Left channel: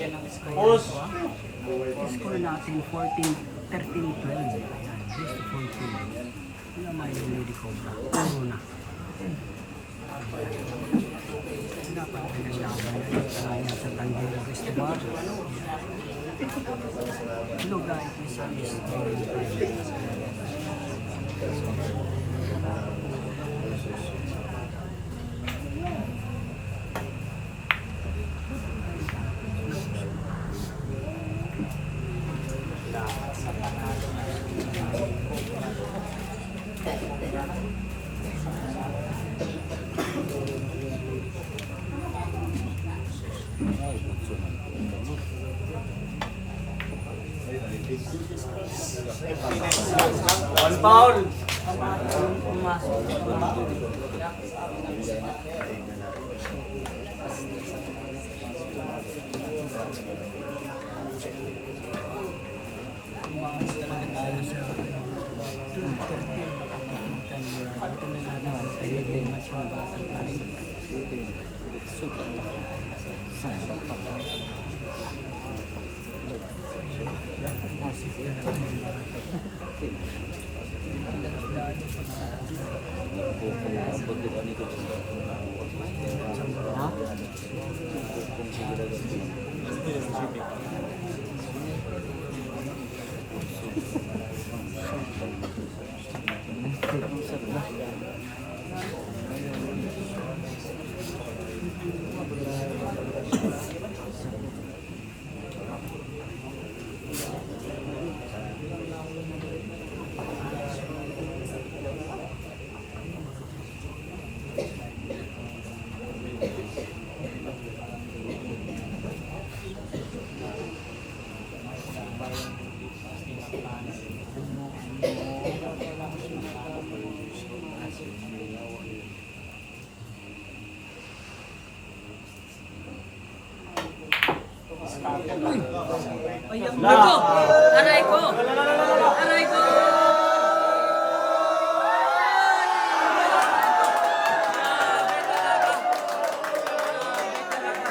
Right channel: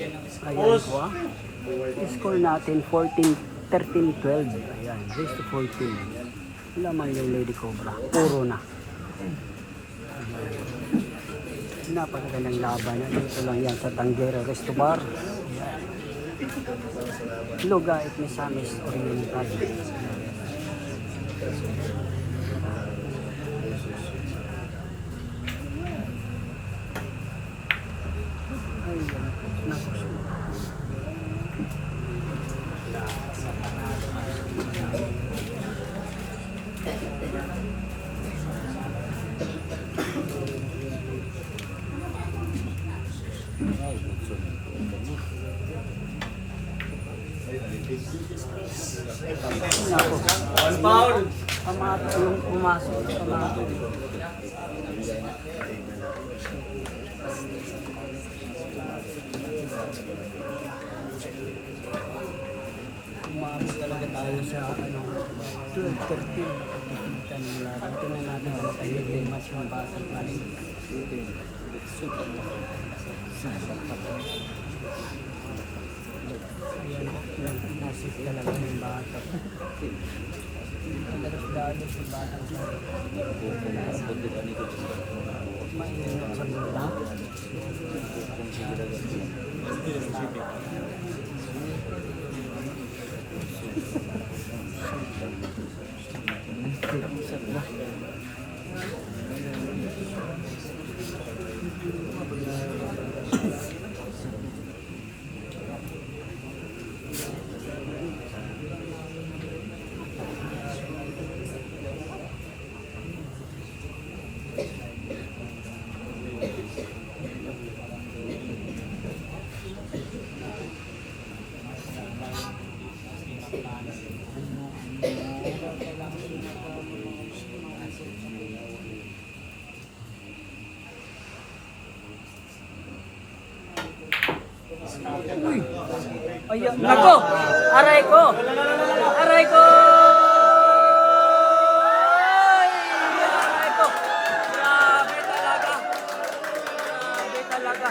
Ayan po ah. Score natin 14, 13, 12. Ayan, race to 14. Laman yung Lady Cobra. Puro na. Napakagandang laban. Ito lang yan sa Tanggera Restobar. Luga at Misamis. One foul. Pumasok. Tayo sa 2:13. Ito na natin sa yung match ng basang tayo. Super. Ayan, nako! Aray ko! Aray ko! Aray ko! Grabe talaga! Grabe talaga!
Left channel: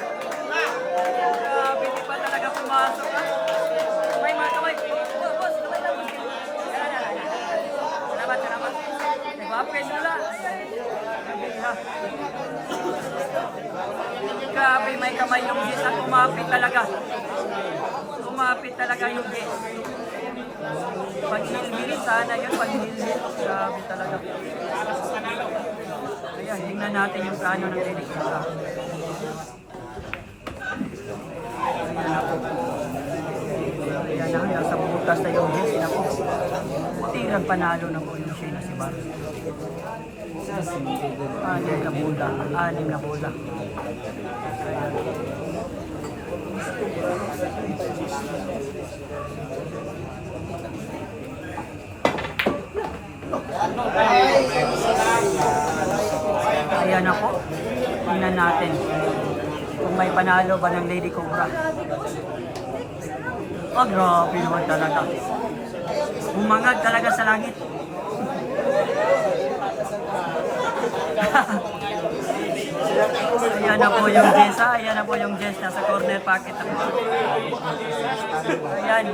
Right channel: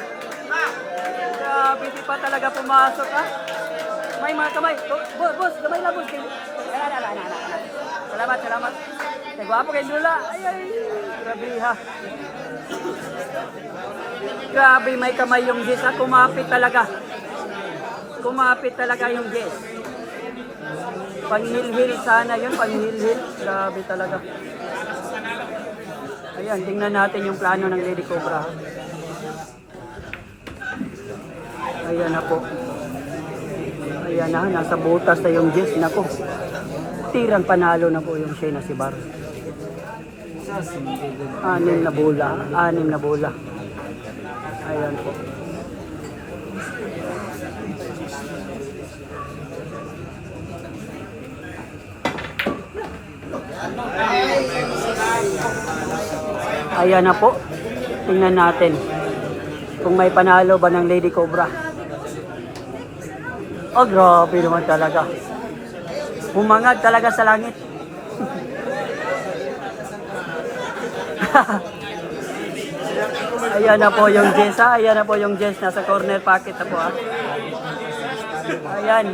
Grabe, di pa talaga pumasok ha? Kamay mga kamay! Boss, kamay lang boss! Salamat, salamat! Nagwapo kayo nula! Grabe ha! Grabe, may kamay yung Jess na kumapit talaga. Kumapit talaga yung Jess. Panghilhil sana yun, panghilhil. Grabe talaga. Ayan, tingnan natin yung plano ng Lady Cobra. Ayan na po. Ayan na, nasa butas na yung Jess na po. Tirang panalo na po yung Shayna si Bar. Anim na bola. Anim na bola. Ayan. Ayan na po. Tingnan natin kung may panalo ba ng Lady Cobra. Oh, grabe naman talaga. Humangad talaga sa langit. Ayan na po yung Jess ha. Ayan na po yung Jess. Nasa corner pocket na po ha. Ayan.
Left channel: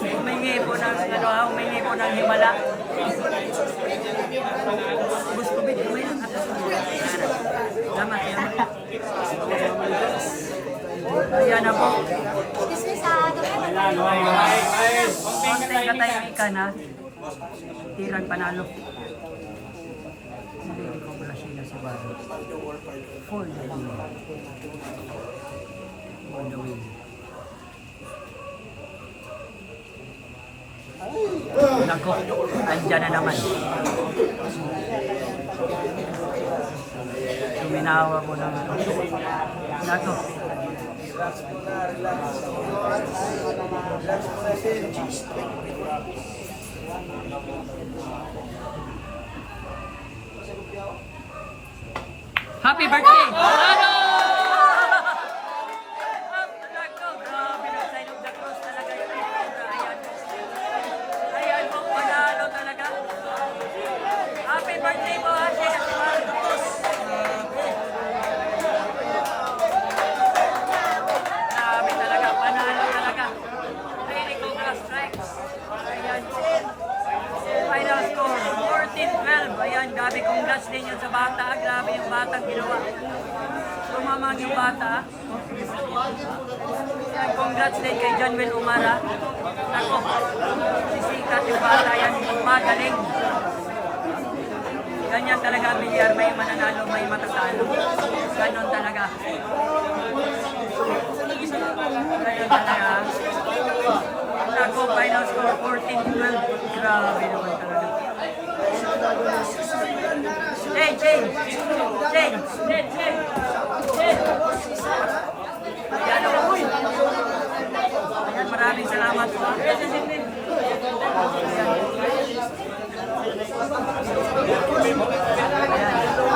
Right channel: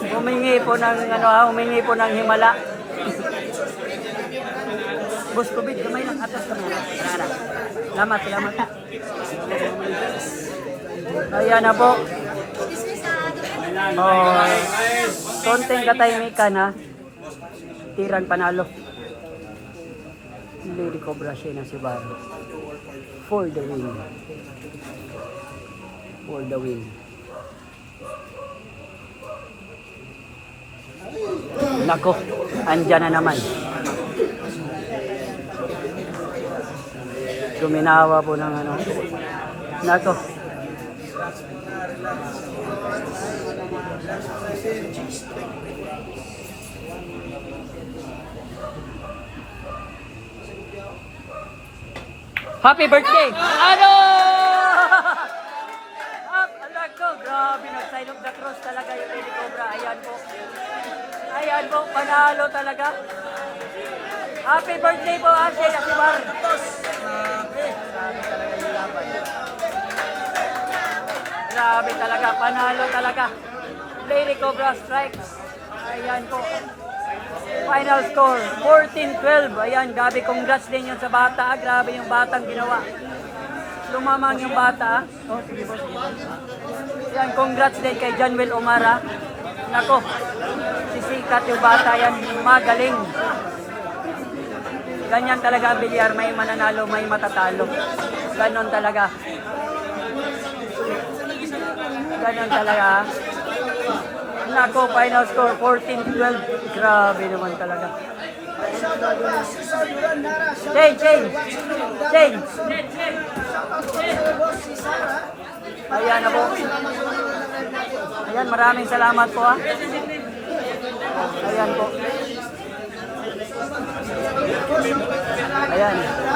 Humingi po ng ano ha. Humingi po ng himala. Boss Kubit, kamay lang atas na po. Salamat, salamat. Ayan na po. Konting katahimikan ha. Tirang panalo. Lady Cobra siya na si Barro. For the win. For the win. Nako, andyan na naman. Suminawa po ng ano. Nako. Happy birthday! Ano? Talaga, grabe na side of the cross talaga yung Lady Cobra. Ayan po. Ayan po, panalo talaga. Happy birthday po, Ate Marcos. Grabe. strikes. Ayan po. Final score, 14-12. Ayan, grabe, congrats din yun sa bata. Grabe yung batang ginawa. Lumamang yung bata. Ayan, congrats din kay John Will Umara. Ako, sisikat yung bata yan. Magaling. Ganyan talaga ang bilyar. May mananalo, may matatalo. Ganon talaga. Ganon talaga. Nako, final score 14-12. Grabe naman talaga. Change. Ayan ako. Ayan, maraming salamat po. Ayan po. Ayan.